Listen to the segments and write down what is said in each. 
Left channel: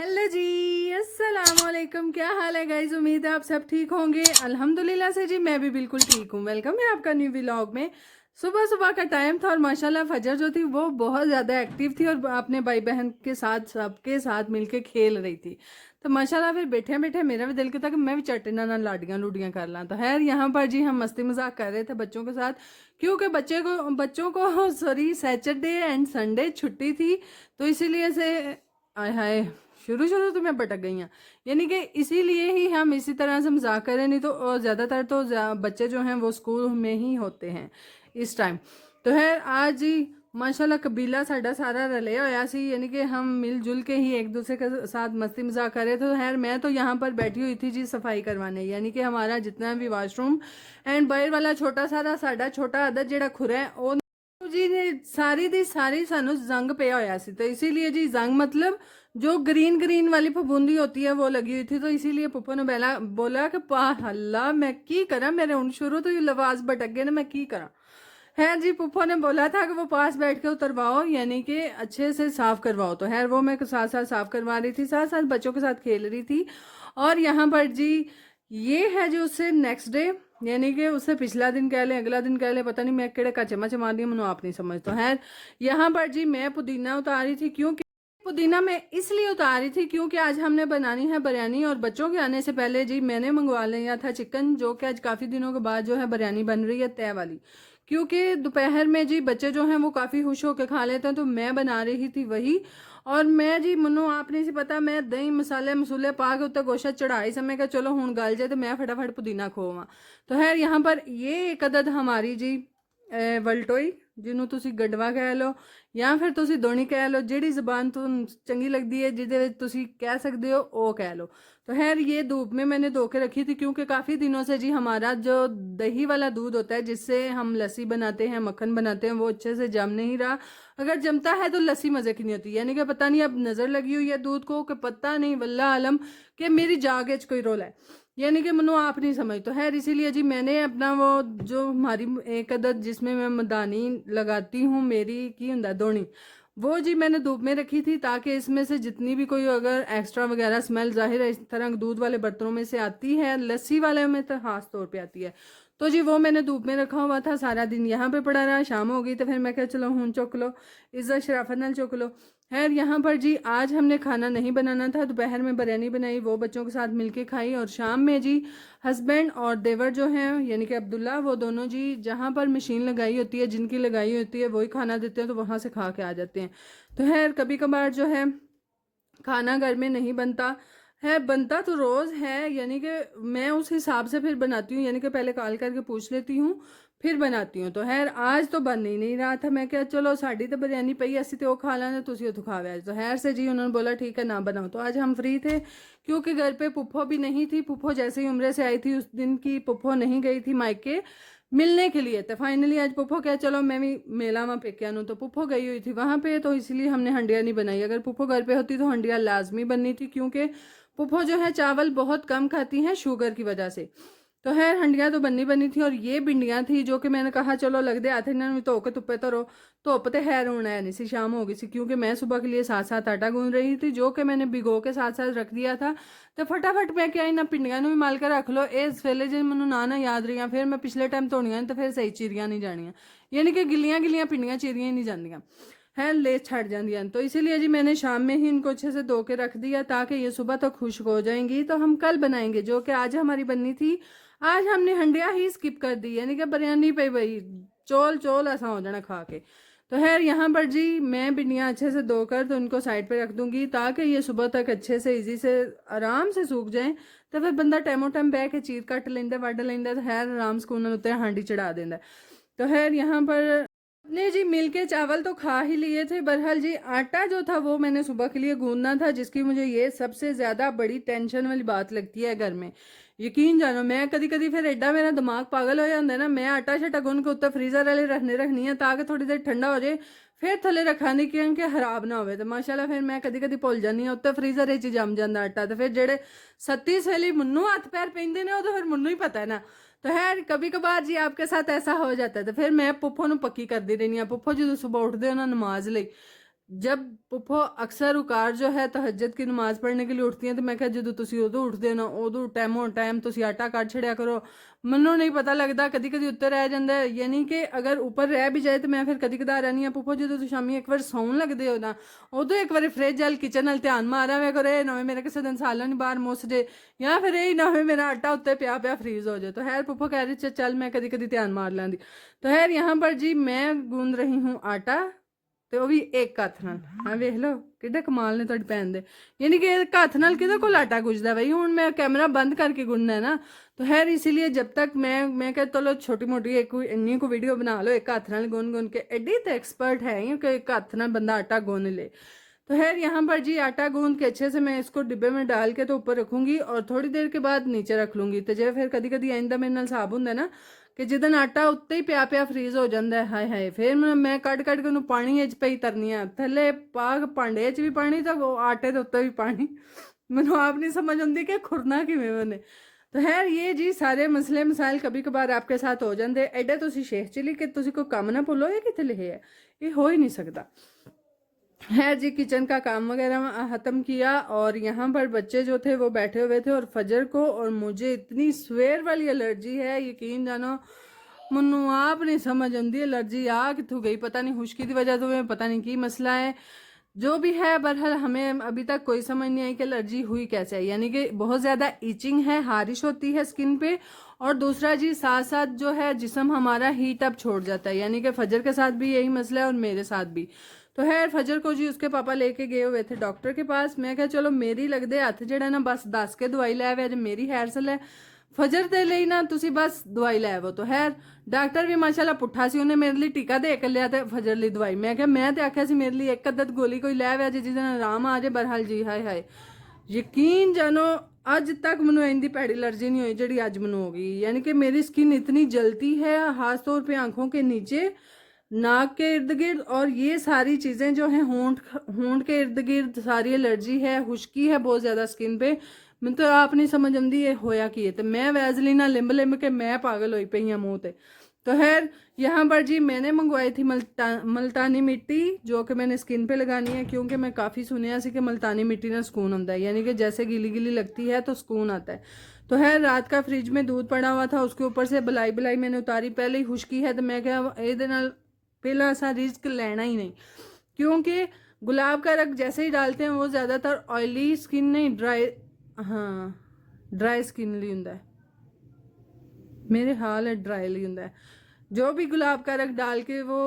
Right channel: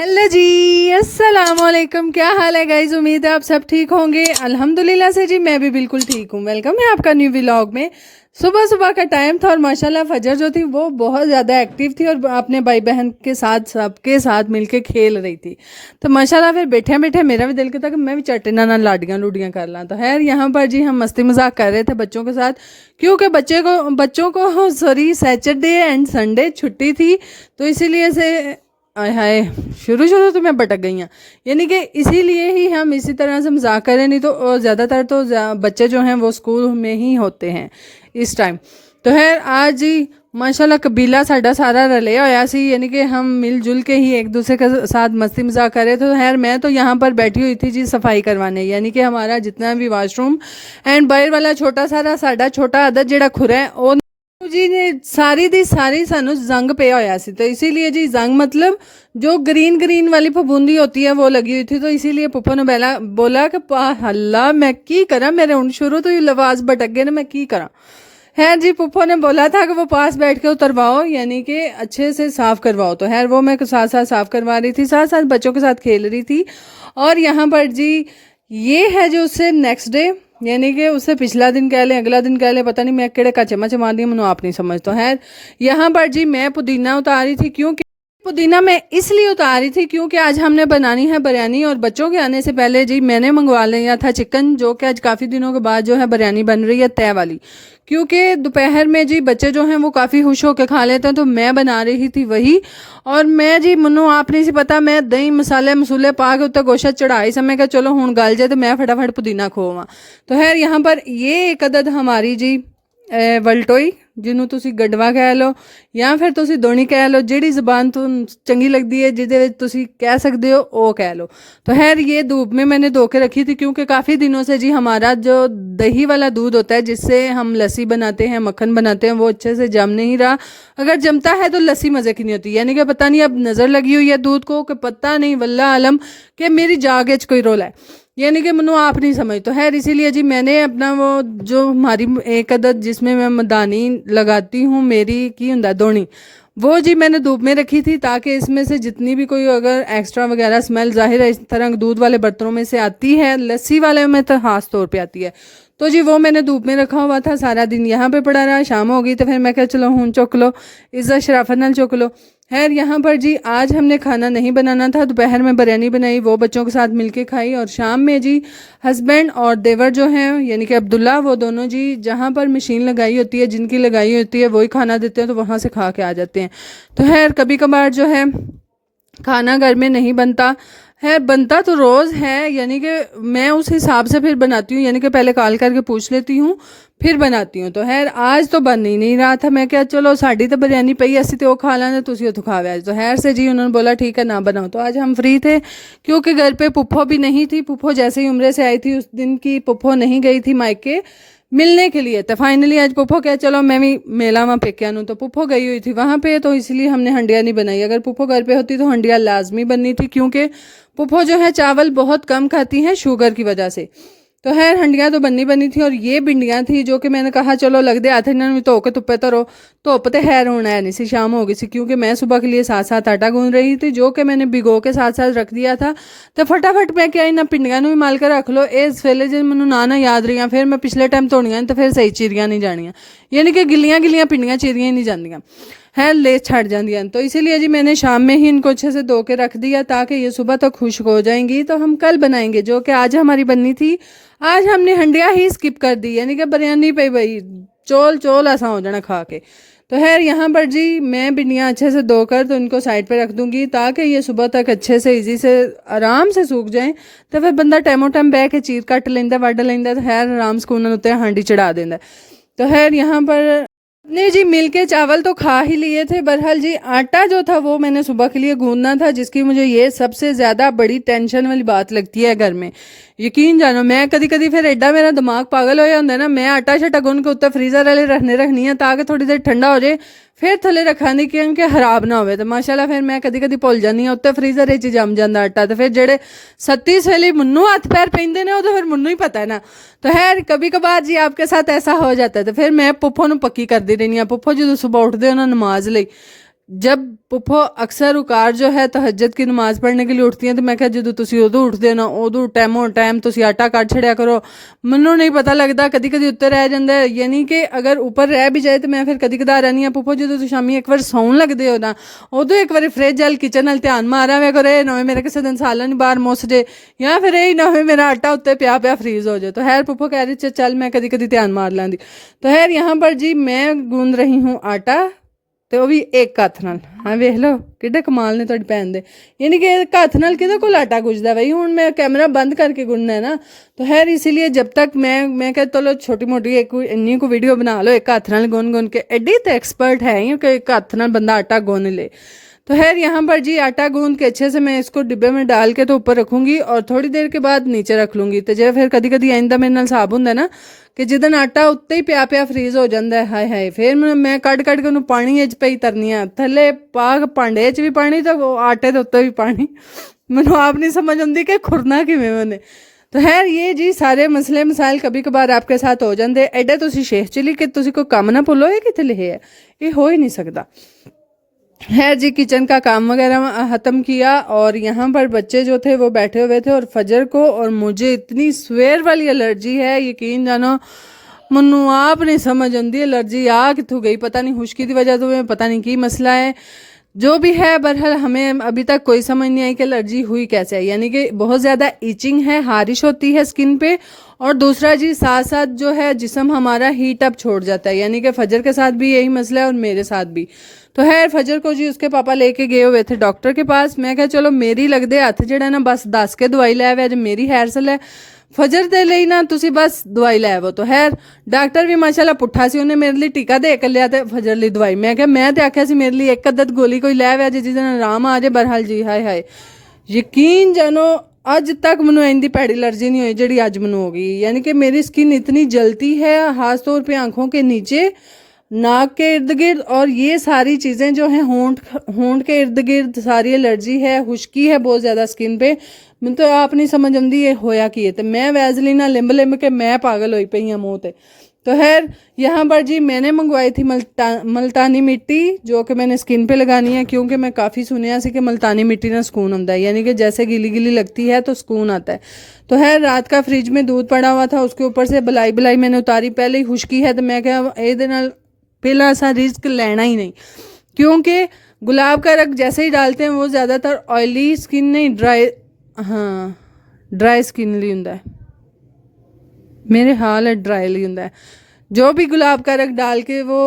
Hello जी, अस्सलाम वालेकुम। क्या हाल है गाइज? उम्मीद है आप सब ठीक होंगे। अल्हम्दुलिल्लाह से जी मैं भी बिल्कुल ठीक हूँ। वेलकम है आपका न्यू व्लॉग में। सुबह सुबह का टाइम था और माशाल्लाह फजर जो थी वो बहुत ज़्यादा एक्टिव थी और अपने भाई बहन के साथ सबके साथ मिलके खेल रही थी। तो माशाल्लाह फिर बैठे बैठे मेरा भी दिल करता कि मैं भी चटना ना लाडियाँ लूडियाँ कर ला। तो खैर यहाँ पर जी हम मस्ती मजाक कर रहे थे बच्चों के साथ, क्योंकि बच्चों को सॉरी सैटरडे एंड संडे छुट्टी थी। तो इसीलिए से आय हाय, शुरू शुरू तो मैं भटक गई हैं। यानी कि इसीलिए ही हम इसी तरह से मजाक करें, नहीं तो ज़्यादातर तो बच्चे जो हैं वो स्कूल में ही होते हैं इस टाइम। तो है आज ही माशाल्लाह कबीला साडा सारा रले होया सी, यानी कि हम मिलजुल के ही एक दूसरे के साथ मस्ती मजाक करे। तो खैर मैं तो यहाँ पर बैठी हुई थी जी सफाई करवाने, यानी कि हमारा जितना भी वाशरूम एंड बाहर वाला छोटा सारा साडा छोटा अदद ਜਿਹੜਾ खुरा है वो जी ने सारी दी सारी सानू जंग पे होया सी। तो इसीलिए जी जंग मतलब जो ग्रीन ग्रीन वाली फफूंदी होती है वो लगी हुई थी। तो इसीलिए पुप्पो ने बोला कि अल्लाह मैं की करा, मेरे हूँ शुरू तो ही लवाज भटक गए ना, मैं की करा। है जी, पुप्पो ने बोला था कि वो पास बैठ के उतरवाओ, यानी कि अच्छे से साफ करवाओ। तो खैर वो मैं साथ साथ साफ करवा रही थी, साथ साथ बच्चों के साथ खेल रही थी। और यहाँ पर जी ये है जो उससे नेक्स्ट डे, यानी कि उससे पिछला दिन कह लें अगला दिन कह लें, पता नहीं मैं केड़े कच्चे मचे मार दी मैंने आप नहीं समझता। है यहाँ पर जी मैं पुदीना उतारी थी, क्योंकि पुदीना मैं इसलिए उतारी थी क्योंकि आज हमने बनानी है बिरयानी। और बच्चों के आने से पहले जी मैंने मंगवा लिया था चिकन, जो कि आज काफ़ी दिनों के बाद जो है बिरयानी बन रही है तय वाली। क्योंकि दोपहर में जी बच्चे जो हैं वो काफ़ी खुश होकर खा लेते हैं, तो मैं बना रही थी वही। और मैं जी मनु आप नहीं सी पता, मैं दही मसाले मसूले पा के उत्ते गोशत चढ़ाई समय का चलो हूँ गल जाए तो मैं फटाफट पुदीना खोवा। तो खैर यहाँ पर ये एक अदद हमारी जी वलटोई, ਜਿਹਨੂੰ ਤੁਸੀਂ ਗੜਵਾ ਕਹਿ ਲਓ ਜਾਂ ਫਿਰ ਤੁਸੀਂ ਦੋਣੀ ਕਹਿ ਲਓ, ਜਿਹੜੀ ਜ਼ਬਾਨ ਤੁਹਾਨੂੰ चंगी लगती है ਜਿਹਦੇ ਵਿੱਚ ਤੁਸੀਂ कह सकते हो वो कह लो। तो खैर ये धूप में मैंने धो के रखी थी, क्योंकि काफ़ी दिनों से जी हमारा जो दही वाला दूध होता है जिससे हम लस्सी बनाते हैं मक्खन बनाते हैं वो अच्छे से जम नहीं रहा। अगर जमता है तो लस्सी मज़े की नहीं होती, यानी कि पता नहीं अब नज़र लगी हुई है दूध को कि पता नहीं वल्ला आलम कि मेरी जाग च कोई रोल है, यानी कि मनु आप नहीं समझ। तो खैर इसीलिए जी मैंने अपना वो जो हमारी एक अदद जिसमें मैं मदानी लगाती हूँ मेरी की हुंदा दोनी, वो जी मैंने धूप में रखी थी ताकि इसमें से जितनी भी कोई अगर एक्स्ट्रा वगैरह स्मेल ज़ाहिर है इस तरह दूध वाले बर्तनों में से आती है, लस्सी वाले में तो खास तौर पे आती है। तो जी वो मैंने धूप में रखा हुआ था, सारा दिन यहाँ पे पड़ा रहा। शाम हो गई तो फिर मैं कहा चलो हूँ चुक लो, इज्जत शराफत नाल चुक लो। खैर यहाँ पर जी आज हमने खाना नहीं बनाना था, दोपहर में बिरयानी बनाई, वो बच्चों के साथ मिलके खाई। और शाम में जी हस्बैंड और देवर जो हैं यानी कि अब्दुल्ला, वो दोनों जी जहाँ पर मशीन लगाई होती है जिनकी लगाई होती है वही खाना देते हैं, तो वहाँ से खा के आ जाते हैं। तो खैर कभी कभार जो है खाना घर में नहीं बनता है, बनता तो रोज़ है, यानी कि मैं उस हिसाब से फिर बनाती हूँ, यानी कि पहले कॉल करके पूछ लेती हूँ फिर बनाती हूँ। तो खैर आज तो बन ही नहीं रहा था, मैं क्या चलो साड़ी तो बिरयानी पई असी तो खा लेंगे, तुसी तो खावे आज। तो खैर से जी उन्होंने बोला ठीक है ना बनाओ। तो आज हम फ्री थे क्योंकि घर पे पुप्पो भी नहीं थी। पुप्पो जैसे ही उम्रे से आई थी उस दिन की पुप्पो नहीं गई थी मायके मिलने के लिए। तो फाइनली आज पुप्पो क्या चलो मैं भी मेला वहाँ पेकिया नू, तो पुप्पो गई हुई थी वहाँ पे, तो इसलिए हमने हंडिया नहीं बनाई। अगर पुप्पो घर पे होती तो हंडिया लाजमी बननी थी, क्योंकि पुप्पो जो है चावल बहुत कम खाती हैं शुगर की वजह से। तो खैर हंडियाँ तो बननी बनी थी। और ये भिंडियाँ थी जो कि मैंने कहा चलो लग दे हाथ इन्होंने धो के धुप्पे धरो, धुप तो खैर होना है नहीं सी, शाम हो गई सी, क्योंकि मैं सुबह के लिए साथ साथ आटा गूंद रही थी जो कि मैंने भिगो के साथ साथ रख दिया था। तो फटाफट मैं क्या इन्हें भिंडियाँ भी माल कर रख लो, इस वेले जो मैनू ना याद रही फिर मैं पिछले टाइम धोनियाँ तो फिर सही चीरियाँ नहीं जानियाँ, यानी कि गिलियाँ गिलियाँ भिंडियाँ चीरियाँ ही नहीं जानियाँ है, ले छड़ जाती। तो इसीलिए जी मैंने शाम में ही इनको अच्छे से धो के रख दिया ताकि ये सुबह तक खुश्क हो जाएंगी। तो हम कल बनाएंगे, जो कि आज हमारी बननी थी। आज हमने हंडिया ही स्किप कर दी, यानी कि बिरयानी पे भाई चोल चोल ऐसा हो जाना खा के। तो खैर यहाँ पर जी मैं भिंडियाँ अच्छे से धोकर तो इनको साइड पे रख दूंगी ताकि ये सुबह तक अच्छे से इजी से आराम से सूख जाएं। तो फिर बंदा टैमो टाइम बह के चीर कट लेंदा वड लेंदा, तो खैर आराम सुकून उत्ते हांडी चढ़ा देंदा। तो खैर यहाँ पर नहीं जी मिल के चावल तो खा ही लिए थे। बहरहाल जी आटा जो था वो मैंने सुबह के लिए गूंदना था, जिसकी मुझे ये सबसे ज़्यादा बड़ी टेंशन वाली बात लगती है घर में। यकीन जानो मैं कदी कदी फिर एडा मेरा दिमाग पागल हो जाता है ना, मैं आटा शटा गुन के उत्ते फ्रीज़र वाले रखनी है ताकि थोड़ी देर ठंडा हो जाए फिर थले रखा नहीं क्योंकि खराब ना हो। तो माशाल्लाह फिर मैं कदी कदी भुल जानी हाँ, उत्ते फ्रीज़र जम जाता आटा। तो फिर जेडे सत्ती सवेली मुन्नू हथ पैर पेंदे ने वो तो फिर मुन्नू ही पता है ना। तो खैर कभी कभार जी आपके साथ ऐसा हो जाता है। तो फिर मैं पुप्पो नू पक्की करती रहनी हाँ, पुप्पो जो सुबह उठते हो ना नमाज लई जब पुप्पो अक्सर उकार जो है तहज्जुद की नमाज पढ़ने के लिए उठती हैं तो मैं क्या जो तुसी उदों उठते ना उदों टाइमों टाइम तुसी आटा काट छड़िया करो। मैनू नहीं पता लगता, कदी कदी उत्ते रह जाता है, यानी कि अगर ऊपर रह भी जाए तो मैं फिर कदी कदा रहनी हाँ पुप्पो जो तुम शामी एक बार सौन लगते हो ना उदों एक बार फ्रिज वाल किचन वाल ध्यान मारा हुआ करो, ना होवे मेरा किसी दिन सालन बाहर मुस जे, या फिर यही ना हो मेरा आटा उत्ते पिया पिया फ्रीज हो जाए। तो खैर पुप्पो कह रही चल मैं कदी कदी ध्यान मार लैंदी। तो खैर यहाँ पर जी मैं गूंद रही हूँ आटा, ਤੇ ਉਹ ਵੀ ਇੱਕ ਹੱਥ ਨਾਲ। ਹਾਂ ਵੇਖ ਲਓ ਕਿੱਡੇ ਕਮਾਲ ਨੇ ਤੁਹਾਡੀ ਭੈਣ ਦੇ, ਯਾਨੀ ਕਿ ਇੱਕ ਹੱਥ ਨਾਲ ਕਿਹਦੇ ਕੋਲ ਆਟਾ ਗੁੰਜਦਾ ਬਈ। ਹੁਣ मैं कैमरा बंद करके गुनना है ना, तो खैर इसीलिए जब तक मैं कहता चलो छोटी मोटी एक इन्नी को वीडियो बना लो, एक हथ नाल गुन गुन के एडी तो एक्सपर्ट है ही कि एक हथ नाल बंदा आटा गुन ले। तो खैर यहाँ पर जी आटा गूंद के अच्छे से मैं इसको डिब्बे में डाल के तो ऊपर रखूँगी और थोड़ी देर के बाद नीचे रख लूँगी। तो जो फिर कदी कदी आइंदा मेरे नाल हिसाब होंगे ना कि जिदन आटा उत्ते ही पिया पिया फ्रीज हो जाता है, हाय हाय फिर मैं कट कट के उन्होंने पानी च पई तरनी आ, थले पा भांडे च भी पानी तो आटे के उत्ते भी पानी। मैनू आप नहीं समझ आती कि खुरना किवें मैंने। तो खैर ये जी सारे मसले मसाइल कभी कभार आपके साथ हो जाते। एडे तुसी शेख चली कि तुसी कोई काम ना भुलो, ये कितने लिखे है, ये हो ही नहीं सकता। खैर जी किचन का काम वगैरह ख़त्म किया और यहाँ पर बच्चे जो थे वो बैठे हुए थे और फजर को, और मुझे इतनी स्वेर वाली एलर्जी है यकीन जानो मनु आप नहीं समझ आती एलर्जी आ कितों गई पता नहीं, खुश्की की वजह तो पता नहीं की मसला है जो भी है। बहरहाल हमें अभी तक कोई समझ नहीं आई कि एलर्जी हुई कैसे है, यानी कि बहुत ज़्यादा ईचिंग है, हारिश होती है स्किन पे, और दूसरा जी साथ साथ जो है जिस्म हमारा हीट अप छोड़ जाता है, यानी कि फजर के साथ भी यही मसला है और मेरे साथ भी। तो खैर फजर को जी उसके पापा लेके गए हुए थे डॉक्टर के पास। मैं क्या चलो मेरी लगदे हथ जेड़ा ना बस दस के दवाई लै वे, मेरी हैरसल है फजर दे ਲਈ ना तुसी बस दवाई लै आवो। तो खैर डॉक्टर भी माशाल्लाह पुट्ठा सी, उन्हें मेरे लिए टीका दे के लिया ते फजर ली दवाई। मैं क्या मैं तो आख्या सी मेरे लिए एक अद्दत गोली कोई लै वे जिस दिन आराम आ जाए। बहरहाल जी हाय हाय यकीन जानो अज तक मैनू इंदी भैड़ी एलर्जी नहीं हुई जी अज मैनू हो गई, यानी कि मेरी स्किन इतनी जलती है खास तौर पर आँखों के नीचे, नाक के इर्द गिर्द, और ये सारी चीज़ें जो हैं होंठ के इर्द गिर्द सारी एलर्जी है, खुश्की है बहुत ज़्यादा स्किन पे। मैं तो आप नहीं समझ आती ये होया की है। तो मैं वैजलीना लिंब लिंब के मैं पागल हुई पई हाँ मुँह ते। तो खैर यहाँ पर जी मैंने मंगवाई थी मुल्तानी मिट्टी जो कि मैंने स्किन पे लगानी है, क्योंकि मैं काफ़ी सुनिया सी कि मुल्तानी मिट्टी ना सुकून आता है, यानी कि जैसे गीली गीली लगती है तो सुकून आता है। तो खैर रात का फ्रिज में दूध पड़ा हुआ था, उसके ऊपर से बलाई बलाई मैंने उतारी, पहले ही खुश्की है तो मैं क्या ये पहला ऐसा रिस्क लेना ही नहीं, क्योंकि गुलाब का रंग जैसे ही डालते हैं वो ज़्यादातर ऑयली स्किन नहीं ड्राई, हाँ ड्राई स्किन लिए होंगे, मेरे हाल है ड्राई लिए होंगे। जो भी गुलाब का रंग डाल के वो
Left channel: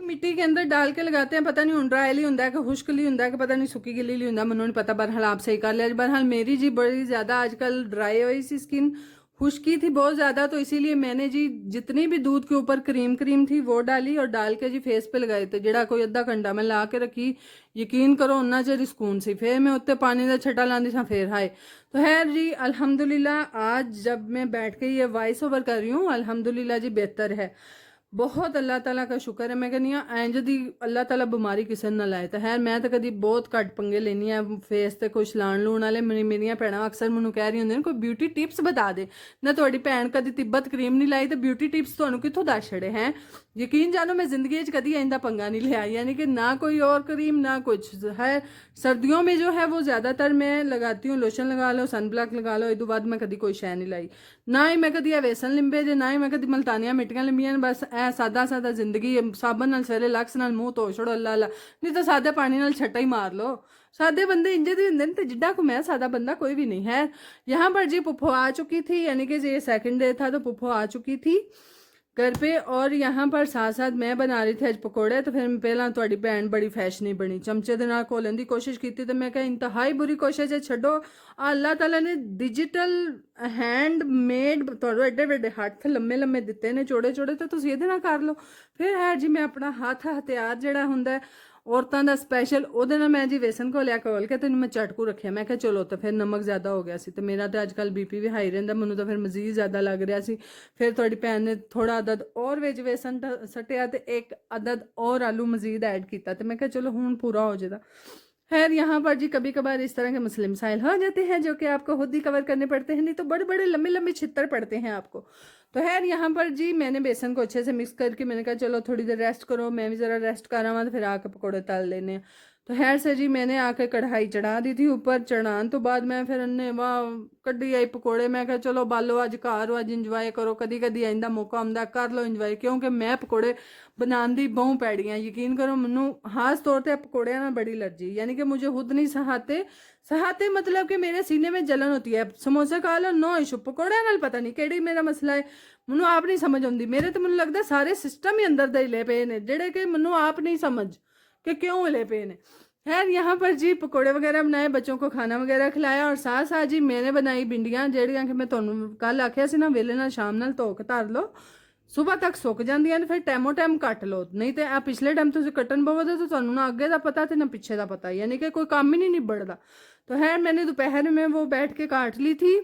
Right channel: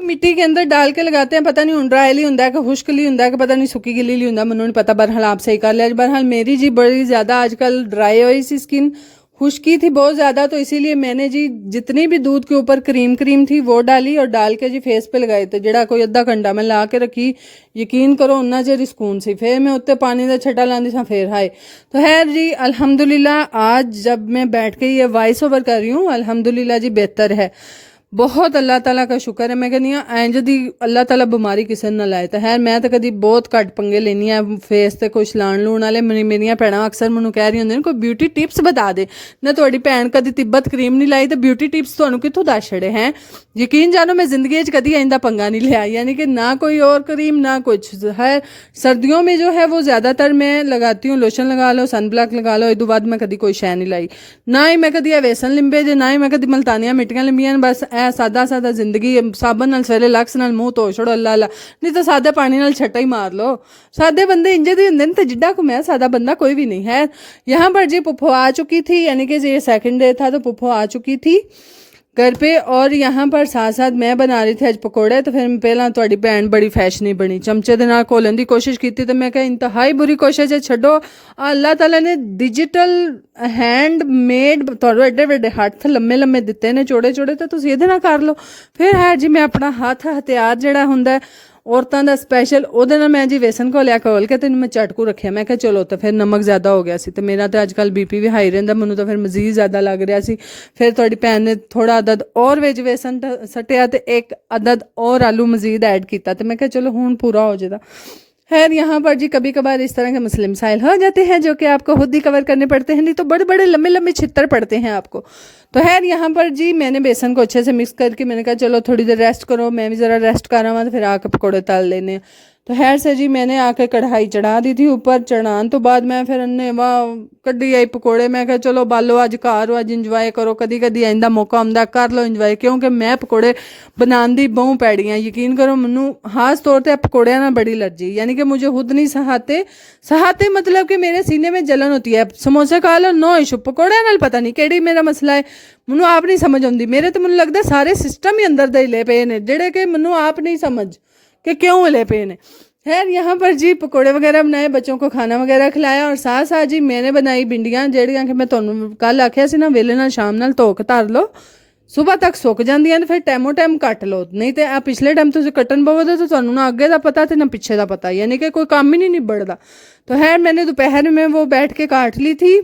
मिट्टी के अंदर डाल के लगाते हैं, पता नहीं हूँ ड्राई ली होंगे कि खुश्क ली होंगे कि पता नहीं सुक्की गिली ली होंगे, मैंने नहीं पता। बहरहाल आप सही कर लिया। बहरहाल मेरी जी बड़ी ज़्यादा आजकल ड्राई हुई सी स्किन, खुश्की थी बहुत ज़्यादा, तो इसीलिए मैंने जी जितनी भी दूध के ऊपर क्रीम थी वो डाली और डाल के जी फेस पे लगाई। तो जड़ा कोई अद्धा घंटा मैं ला के रखी, यकीन करो उन्ना चिर सुकून सी। फिर मैं उत्ते पानी का छटा लाती सा फिर हाय। तो खैर जी अल्हम्दुलिल्लाह आज जब मैं बैठ के ये वॉइस ओवर कर रही हूँ अल्हम्दुलिल्लाह जी बेहतर है, बहुत अल्लाह ताला का शुक्र है। मैं कहनी हाँ इंज दी अल्लाह ताला बीमारी किसी ने लाए। तो खैर मैं तो कभी बहुत घट पंगे लेनी है फेस ते कुछ लाण लूण वाले। मेरिया भैन अक्सर मैनू कह रही होंगे कोई ब्यूटी टिप्स बता दे ना, थोड़ी भैन कभी तिब्बत क्रीम नहीं लाई तो ब्यूटी टिप्स तुहानू कित्थों दस छड़े हैं। यकीन जानो मैं जिंदगी कभी इंदा पंगा नहीं लिया, यानी कि ना कोई और क्रीम ना कुछ है। सर्दियों में जो है वो ज़्यादातर मैं लगाती हूँ, लोशन लगा लो सन ब्लॉक लगा लो, इदू बाद मैं कभी कोई शै नहीं लाई, ना ही मैं कभी वेसन लिंबे जे, ना ही मैं कभी मुल्तानियां मिट्टियां लिंबियां। बस ए सादा सादा जिंदगी साबन नाल सवेरे लक्स नाल मूँह धो छोड़ो अल्लाह अल्लाह, नहीं तो सादे पानी नाल छट्टा ही मार लो। सादे बंदे इंजे दे होंदे ने, तो जिड्डा को मैं सादा बंदा कोई भी नहीं है। यहाँ पर जी पुप्पो आ चुकी थी, यानी कि ये सेकंड डे था तो पुप्पो आ चुकी थी घर पे, और यहाँ पर साथ साथ मैं बना रही थी अज पकौड़े। तो फिर पहला तुहाडी भैन बड़ी फैशनी बनी, चमचे दे नाल घोलन की कोशिश की, तो मैं कहा इंतहाई बुरी कोशिश है, छड्डो अल्लाह ताला ने डिजिटल हैंड मेड तुहानू एडे वड्डे हत्थ लम्मे लम्मे दिते ने चौड़े चौड़े, तो तुसीं इहदे नाल कर लो। फिर है जी मैं अपना हत्थ हथियार जिहड़ा हुंदा है औरतों का स्पैशल ਉਹਦੇ ਨਾਲ मैं जी बेसन घोलिया घोल के तेन मैं झटकू रखिया। मैं क्या चलो तो फिर नमक ज़्यादा हो गया सी, तो मेरा तो अजकल बीपी भी हाई रहिंदा, मैनू तो फिर मजीद ज़्यादा लग रहा सी। फिर थोड़ी भैन ने थोड़ा अदद और विच बेसन सटिया तो एक अदद और आलू मजीद ऐड किया, तो मैं क्या चलो हुण पूरा हो जाएगा। खैर यहाँ पर जी कभी कभार इस तरह के मसले मसाइल हो जाते हैं जो कि आपको खुद ही कवर करने पड़ते हैं, नहीं तो बड़े बड़े लंबे लंबे छितर पड़ते हैं आपको। तो खैर यहाँ पर जी मैंने बेसन को अच्छे से मिक्स करके मैंने कहा चलो थोड़ी देर रेस्ट करो, मैं भी ज़रा रेस्ट कर रहा हूँ, तो फिर आके पकौड़े तल लेने। तो खैर से जी मैंने आके कढ़ाई चढ़ा दी थी ऊपर, चढ़ान तो बाद मैं फिर अन्ने वाह कड्डी आई पकौड़े। मैं कहा चलो बालो अज घर अज इंजॉय करो, कदी कदी आइंदा मौका आंदा कर लो इंजॉय, क्योंकि मैं पकौड़े बनाने दी बहु पैड़ी हाँ। यकीन करो मैनू खास तौर पर पकौड़िया ना बड़ी एलर्जी, यानी कि मुझे खुद नहीं सहाते सहाते मतलब कि मेरे सीने में जलन होती है। समोसे खा लो नो इशू, पकौड़िया नाल पता नहीं केड़ी मेरा मसला है, मैनू आप नहीं समझ आती। मेरे तो मैनू लगता सारे सिस्टम ही अंदर दे हिले पे ने जेड़े कि मैनू आप नहीं समझ कि क्यों हिले पे ने। खैर यहाँ पर जी पकोड़े वगैरह बनाए, बच्चों को खाना वगैरह खिलाया, और साथ साथ जी मैंने बनाई भिंडियाँ जेड़ियाँ कि मैं तुहानू कल आख्या सी ना वेले नाल शाम नाल धो के धर लो, सुबह तक सुक जांदियां, फिर टाइमो टाइम कट लो। नहीं तो आ पिछले टाइम तुसीं कट्टन पवोगे तो तुहानू ना अगे का पता तो ना पिछे का पता, यानी कि कोई काम ही नहीं निबड़दा। तो खैर मैंने दोपहर में वो बैठ के काट ली थी।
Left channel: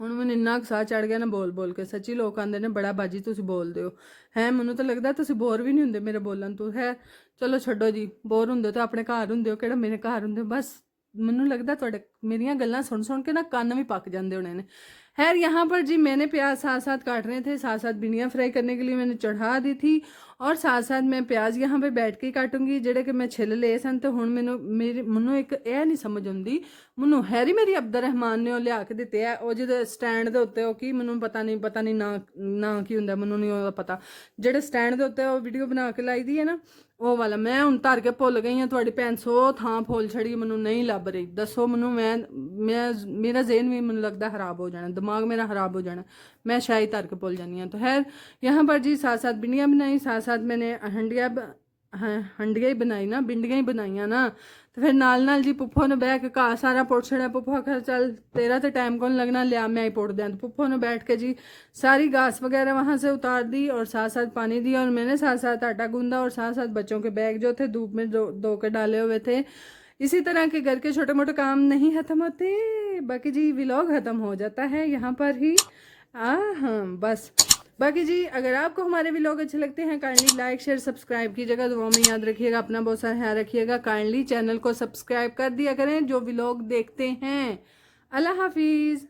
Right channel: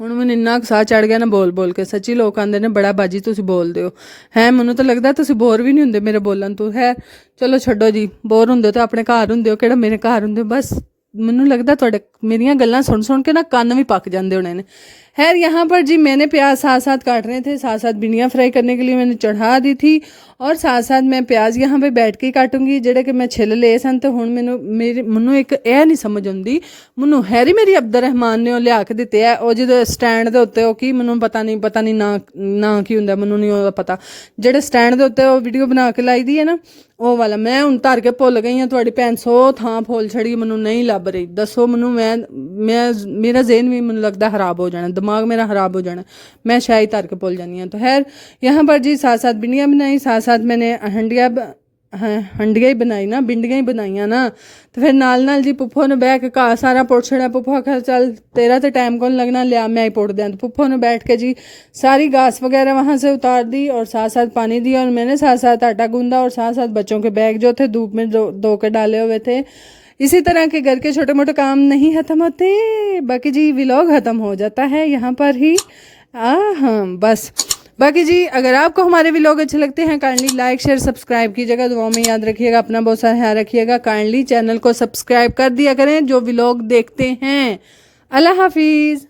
ਹੁਣ ਮੈਨੂੰ ਇੰਨਾ ਸਾਹ ਚੜ ਗਿਆ ਨਾ ਬੋਲ ਬੋਲ ਕੇ, ਸੱਚੀ ਲੋਕ ਆਂਦੇ ਨੇ ਬੜਾ ਬਾਜੀ ਤੁਸੀਂ ਬੋਲਦੇ ਹੋ ਹੈ। ਮੈਨੂੰ ਤਾਂ ਲੱਗਦਾ ਤੁਸੀਂ ਬੋਰ ਵੀ ਨਹੀਂ ਹੁੰਦੇ ਮੇਰੇ ਬੋਲਣ ਤੋਂ। ਹੈ ਚਲੋ ਛੱਡੋ ਜੀ, ਬੋਰ ਹੁੰਦੇ ਤਾਂ ਆਪਣੇ ਘਰ ਹੁੰਦੇ ਹੋ, ਕਿਹੜਾ ਮੇਰੇ ਘਰ ਹੁੰਦੇ ਹੋ। ਬਸ ਮੈਨੂੰ ਲੱਗਦਾ ਤੁਹਾਡੇ मेरियां गल्लां सुन सुन के ना कान भी पक जाते होने ने। खैर यहाँ पर जी मैंने प्याज साथ साथ काट रहे थे, साथ साथ भिंडियाँ फ्राई करने के लिए मैंने चढ़ा दी थी, और साथ साथ मैं प्याज यहाँ पे बैठ के ही काटूंगी जेड़े कि मैं छिल ले सन। तो हुण मैनू एक यह नहीं समझ आती, मैनू हैरी मेरी अब्दुल रहमान ने लिया के दिते है वो जो स्टैंड के उत्ते की मैनू पता नहीं ना की हुंदा, मैनू नहीं पता। जेड़े स्टैंड के उत्ते वीडियो बना के लाई दी है ना वो वाला, मैं हूँ धर के भुल गई हाँ। थोड़ी भैन 100 थां फुल छड़ी मैनू नहीं लभ रही, दसो मैनू। मैं मेरा जेहन भी मैनू लगता खराब हो जाना, दिमाग मेरा खराब हो जाना, मैं शायद धर के भुल जानी हाँ। तो खैर यहाँ पर जी साथ साथ भिंडियाँ बनाई, साथ साथ मैंने हंडिया ही बनाई ना, भिंडियाँ ही बनाइया ना। तो फिर नाल जी पुप्पो ने बह के घा सारा पुट छड़ा। पुप्पो आखिया चल तेरा तो टाइम कौन लगना, लिया मैं ही पुट दिया। तो पुप्पो ने बैठ के जी सारी घास वगैरह वहाँ से उतार दी, और साथ साथ पानी दिया, और मैंने साथ साथ आटा गूंदा, और साथ साथ बच्चों के बैग जो थे धूप में धो के डाले हुए थे। इसी तरह के घर के छोटे मोटे काम नहीं ख़त्म होते, बाकी जी व्लॉग ख़त्म हो जाता है यहाँ पर ही। हाँ बस बाकी जी अगर आपको हमारे व्लॉग अच्छे लगते हैं काइंडली लाइक शेयर सब्सक्राइब कीजिएगा, दुआ में याद रखिएगा, अपना बहुत सारा ख्याल रखिएगा। काइंडली चैनल को सब्सक्राइब कर दिया करें जो व्लॉग देखते हैं। अल्लाह हाफिज़।